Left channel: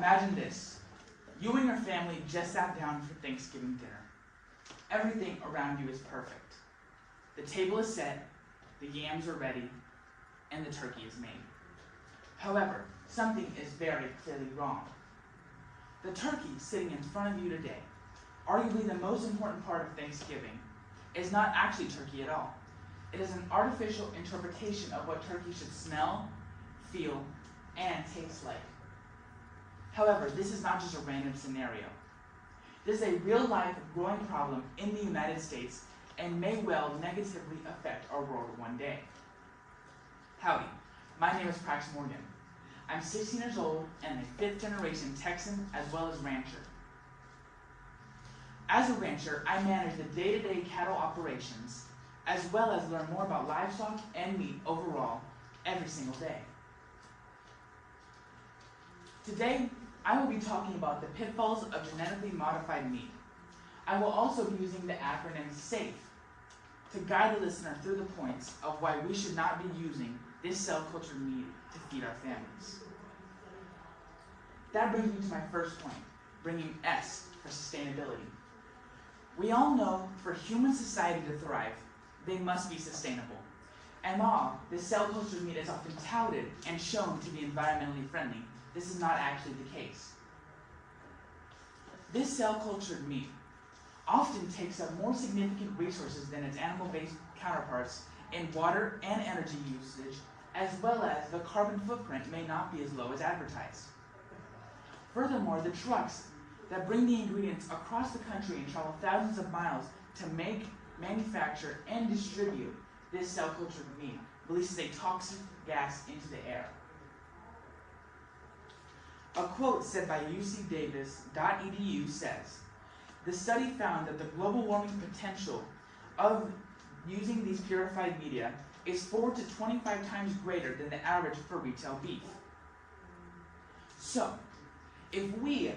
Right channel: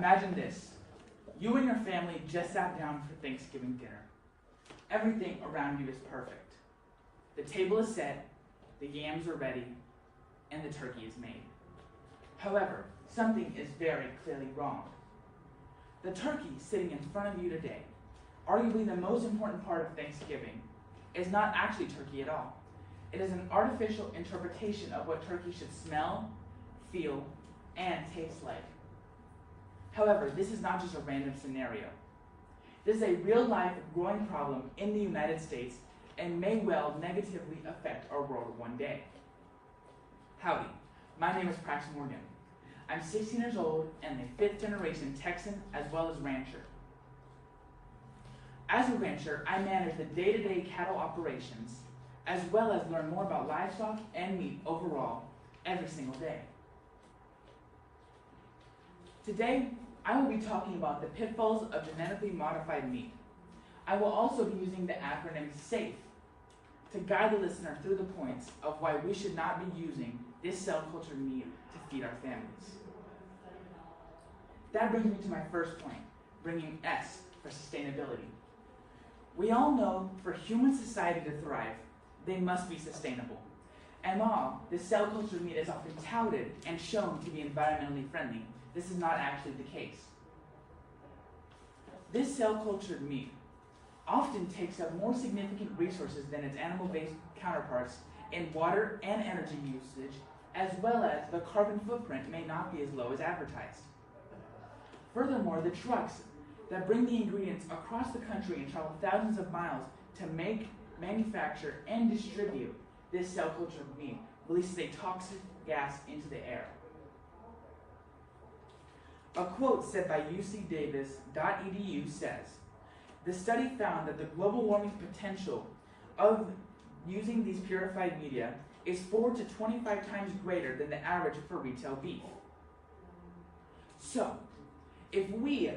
Imagine this. You and your family just sat down for Thanksgiving dinner. Everything around you is perfect. The table is set, the yams are ready, and the turkey is made. However, something is very clearly wrong. The turkey sitting in front of you today, arguably the most important part of Thanksgiving, is not actually turkey at all. It is an artificial interpretation of what turkey should smell, feel, and taste like. However, this is not just a random scenario. This is a real-life growing problem in the United States and may well negatively affect our world one day. Howdy, my name is Prax. I'm 16 years old and a 5th generation Texan as well as rancher. As a rancher, I manage the day-to-day cattle operations as well as learn more about livestock and meat overall every single day. Today, I will be talking about the pitfalls of genetically modified meat. I will also be using the acronym SAFE to guide the listener through the points of why we should not be using this cell-cultured meat to feed our families. That brings me to my first point, bringing S for sustainability. We all know for human society to thrive, they must be sustainable. And while this cell-cultured meat is often touted and shown to be environmentally friendly, this is not actually the case. This cell-cultured meat often takes up more significant resources than its animal-based counterparts in water and energy usage, as well as the carbon footprint may not be as low as advertised. Furthermore, the trucks that bring the ingredients across the country and travel thousands of miles to make, manufacture, and distribute this cell-cultured meat releases a toxic gas into the air. A quote said by ucdavis.edu says, "The study found that the global warming potential of using these purified media is 4 to 25 times greater than the average for retail beef." So, if we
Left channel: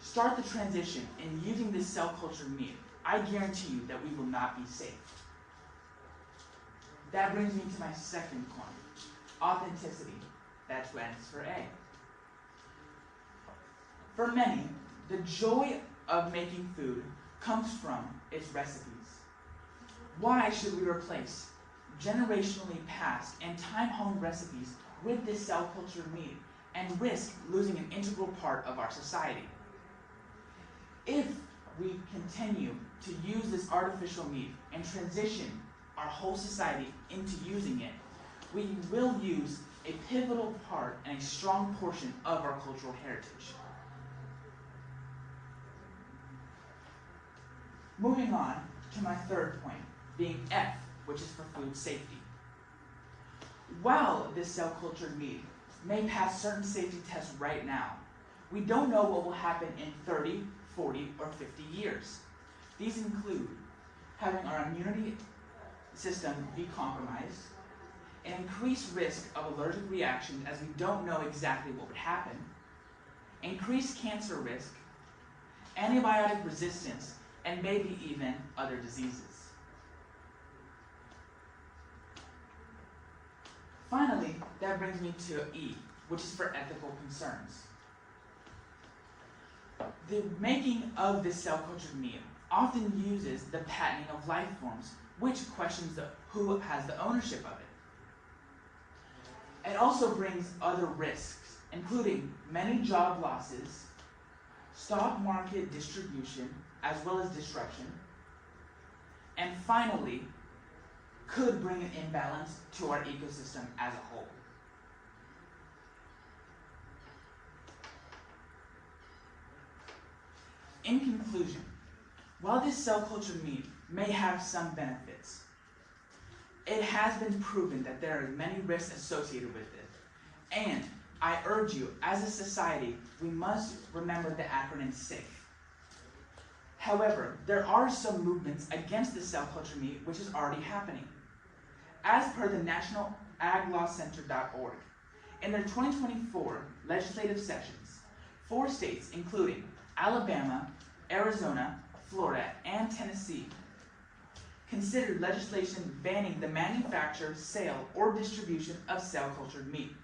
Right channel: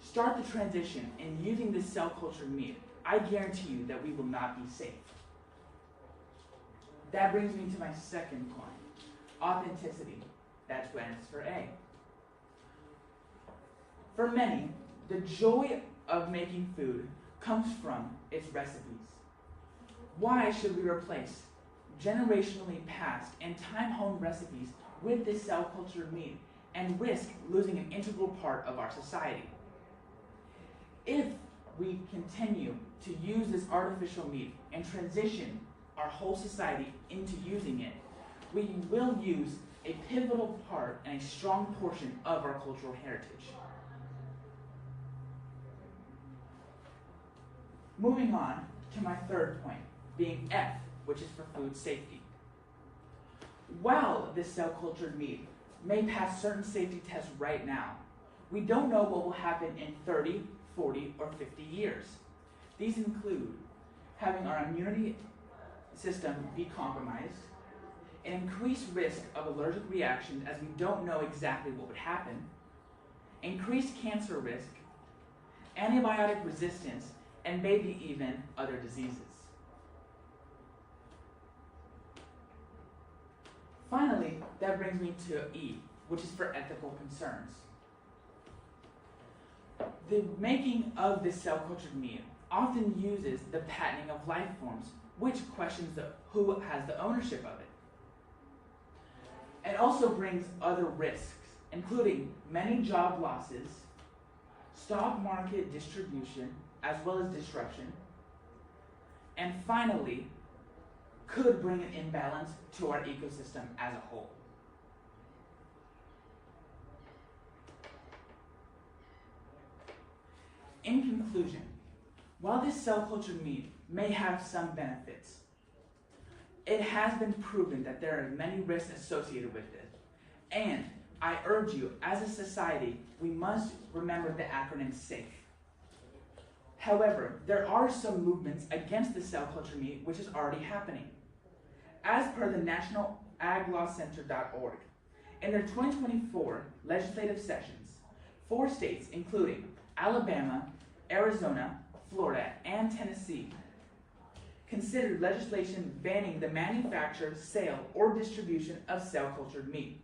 start the transition in using this cell-cultured meat, I guarantee you that we will not be safe. That brings me to my second point, authenticity. That's what stands for A. For many, the joy of making food comes from its recipes. Why should we replace generationally passed and time-honed recipes with this cell-cultured meat and risk losing an integral part of our society? If we continue to use this artificial meat and transition our whole society into using it, we will use a pivotal part and a strong portion of our cultural heritage. Moving on to my third point, being F, which is for food safety. While this cell-cultured meat may pass certain safety tests right now, we don't know what will happen in 30, 40, or 50 years. These include having our immunity system be compromised, an increased risk of allergic reactions as we don't know exactly what would happen, increased cancer risk, antibiotic resistance, and maybe even other diseases. Finally, that brings me to E, which is for ethical concerns. The making of this cell-cultured meat often uses the patenting of life forms, which questions who has the ownership of it. It also brings other risks, including many job losses, stock market distribution, as well as disruption, and finally, could bring an imbalance to our ecosystem as a whole. In conclusion, while this cell-cultured meat may have some benefits, it has been proven that there are many risks associated with it, and I urge you, as a society, we must remember the acronym SAFE. However, there are some movements against the cell-cultured meat which is already happening. As per the National AgLawCenter.org, in their 2024 legislative sessions, 4 states, including Alabama, Arizona, Florida, and Tennessee, considered legislation banning the manufacture, sale, or distribution of cell-cultured meat.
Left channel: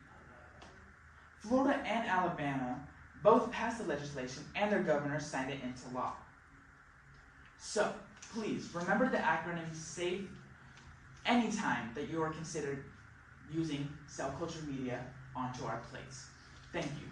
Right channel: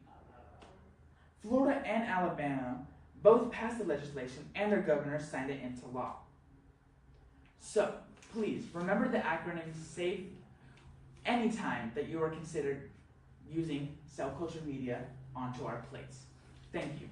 Florida and Alabama both passed the legislation and their governor signed it into law. So, please, remember the acronym SAFE anytime that you are considered using cell culture media onto our plates. Thank you.